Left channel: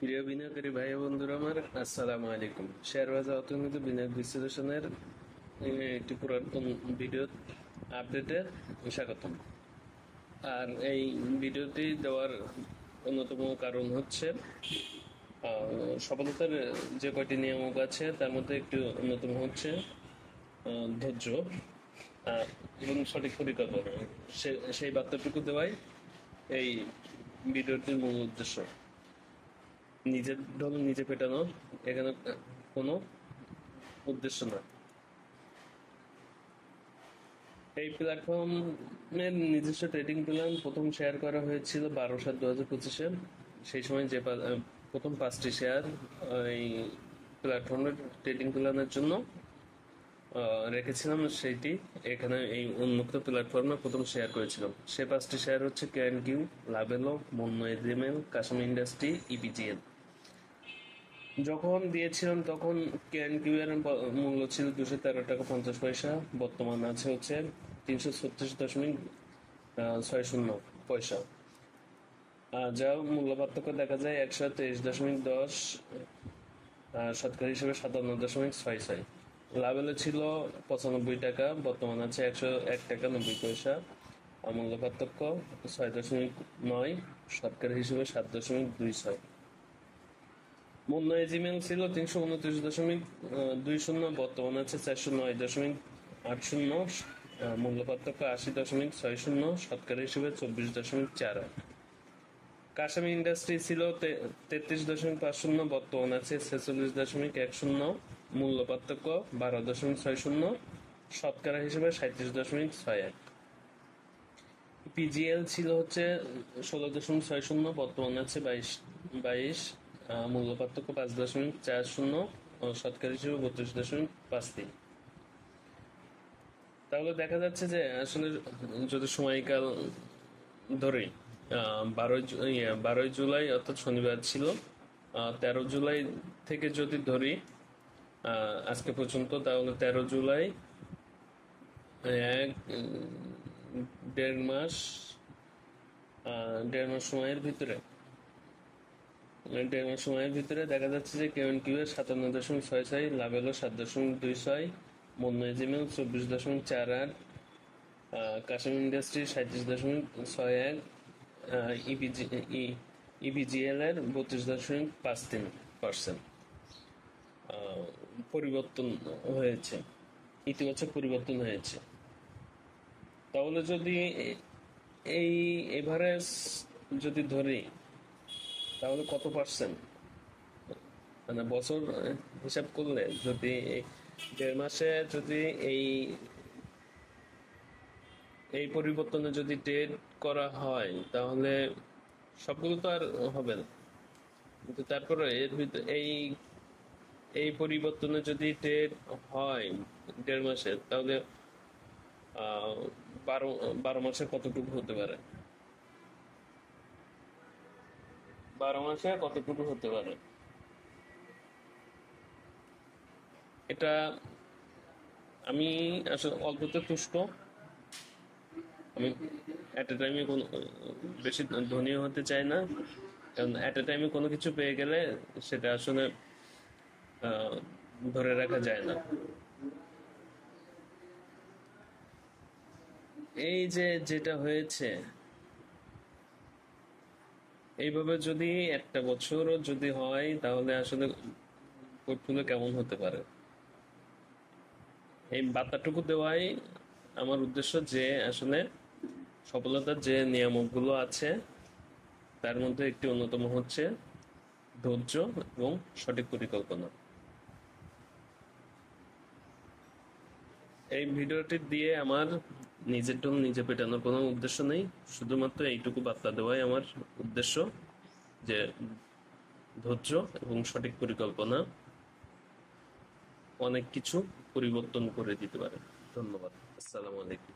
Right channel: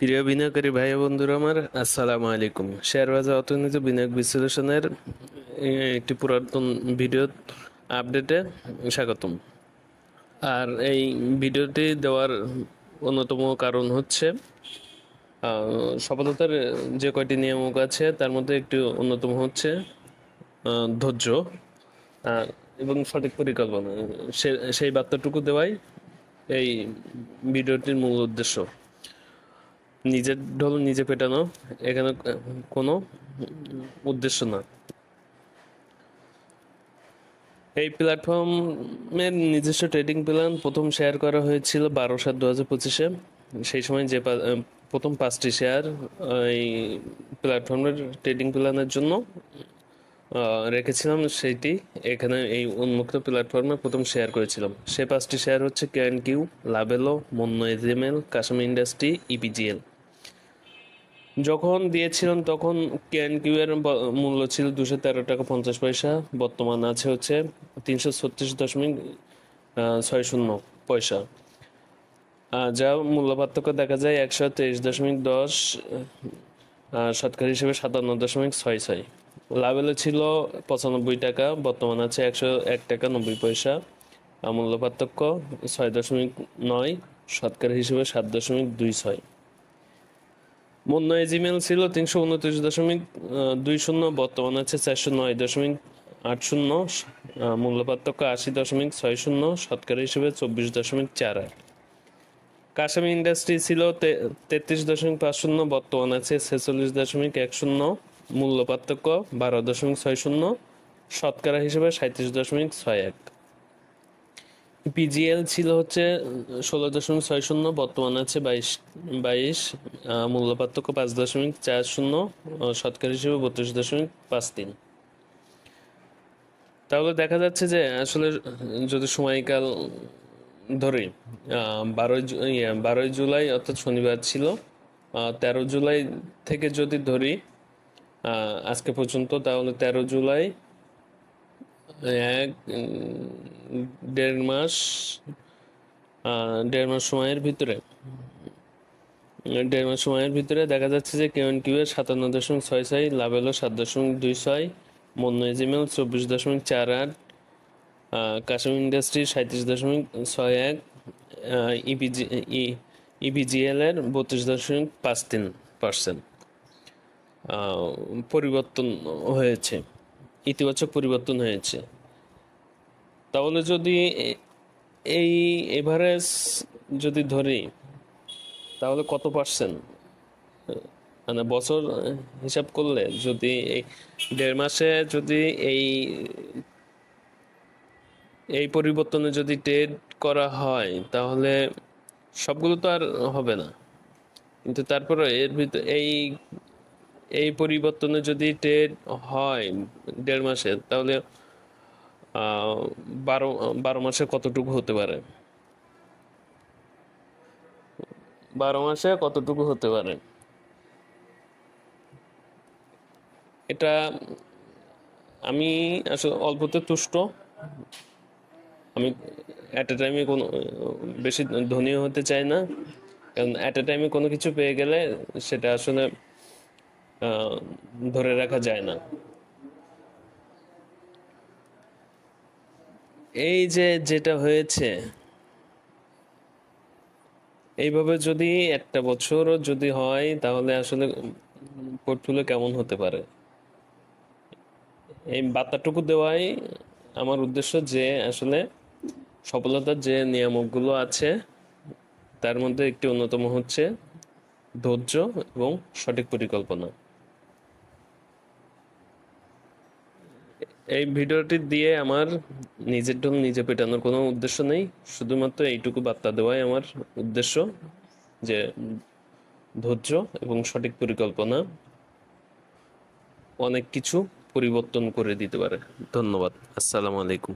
প্রিয় বিনিয়োগকারী ভাই ও বন্ধুরা আমার, আসসালামু আলাইকুম। শেয়ার বাজার অর্থনীতি বিনিয়োগ বিশ্লেষণের একটি পুরাতন ভিডিও আপডেটে স্বাগতম। আর এই ভিডিওটি দেওয়ার অন্যতম কারণ হচ্ছে সফলতার যে কয়টি নিয়ামক আছে তার মধ্যে একটি অন্যতম হচ্ছে ধৈর্য এবং সঠিক পরিকল্পনা। সেই বার্তাটুকু দেওয়াই এই ভিডিওটির মূল উদ্দেশ্য। নিজের ঢোল নিজে পেটানো এখানে কোনো উদ্দেশ্য না। এই প্ল্যাটফর্মের নিজস্ব ট্রেডিং প্ল্যান প্রথম শেয়ার করা হয়েছিল 12/7/2025-এ। সেই সময় যে প্রথম 5টি শেয়ার এই প্ল্যাটফর্মের ট্রেডিং প্ল্যানের জন্য রেখেছিলাম, সেইটি এখানে এই উন্মুক্ত প্ল্যাটফর্মে প্রথম শেয়ার করেছিলাম। সে 5টি শেয়ার হচ্ছে KNQ, Lovello, মন্য এজিএমএল, Kashmir industry, EPGL. যখন দিয়েছিলাম তখন KNQ এর মূল্য ছিল 213 টাকা 50 পয়সা। বর্তমান আছে হচ্ছে 336.60 পয়সা, যা মূল্য পার্থক্য দেখা যায় 123.10 শতকরা হিসেবে 57.66। লাভেলে ছিল 95 টাকা, বর্তমান আছে 101 টাকা 90 পয়সা, মূল্য পার্থক্য 6.9 শতকরা হিসেবে 7.26। মন্য এজিমেল ছিল 329.20, বর্তমান আছে 409.80, মূল্য পার্থক্য 80.60, শতকরা হিসেবে 24.48। কাশ্মীর ইন্ডাস্ট্রি ছিল 33.50, বর্তমান আছে 46.10, মূল্য পার্থক্য 12.60, শতকরা হিসেবে 37.61। পিজিএল ছিল হচ্ছে 16.60, বর্তমান আছে 22, মূল্য পার্থক্য 5.40, শতকরা হিসেবে 32.53। তাহলে দেখা যাচ্ছে যে আসলে যদি সময়কাল ধরি, 12 জুলাই অর্থাৎ শনিবার ছিল, 13 জুলাই থেকে যদি ধরি আজকে পর্যন্ত, তাহলে 13 জুলাই দেড় মাস সময়ের ভিতরে দেখা যাচ্ছে যে KNQ এর 57.66, লাভেলো 7.26, মন্য এজিমেল 24.48, কাশ্মীর ইন্ডাস্ট্রি 37.61, ইপিজিএল এর 32.53% পরিবর্তন হয়েছে, ইতিবাচক পরিবর্তন হয়েছে। তাহলে যদি এই এভারেজ যদি ধরি তাহলে কত পার্সেন্ট, মানে বছর হিসাব করলে যদি দেড় মাসে যদি এই পরিবর্তনে যদি ট্রেড করা হয় তাহলে সবগুলো তো আর হবে না, কিন্তু তারপরে এর ভিতরে এই পরিবর্তনে যদি ট্রেড হয় দেড় মাসে, তাহলে 12 মাসে কতটুকু হতে পারে, 12 মাসে কতটুকু হতে পারে, এটা আমি আসলে অল্পতে তুষ্ট। আমি অ্যাট এ টাইমে কোনো বেশি ধনীও হতে চাই না, কারণ অ্যাট এ টাইমে কোনো কিছু পেয়ে গেলে সেটা আসলে ধরে রাখা যায় না। এই যে যেটা হয়েছে, এইভাবে যদি একটা বছরও যদি হয় তাহলে আসলে পোর্টফোলিও কেমন হতে পারে, এই বার্তাটুকু দেওয়াই আমার উদ্দেশ্য। যে আসলে সফলতার যে নিয়ামকগুলো আছে তার মধ্যে একটি অন্যতম হচ্ছে ধৈর্য এবং সঠিক পরিকল্পনা। এই ভিডিওটি দিয়ে আমার নিজের ঢোল নিজে পেটানোর কোনো উদ্দেশ্য নেই, শুধুমাত্র এইটুকু বার্তা দেওয়াই আমার উদ্দেশ্য যে ধৈর্য এবং সঠিক পরিকল্পনা অনেক কিছু পরিবর্তন করে দিতে পারে। ধন্যবাদ। আসসালামু আলাইকুম।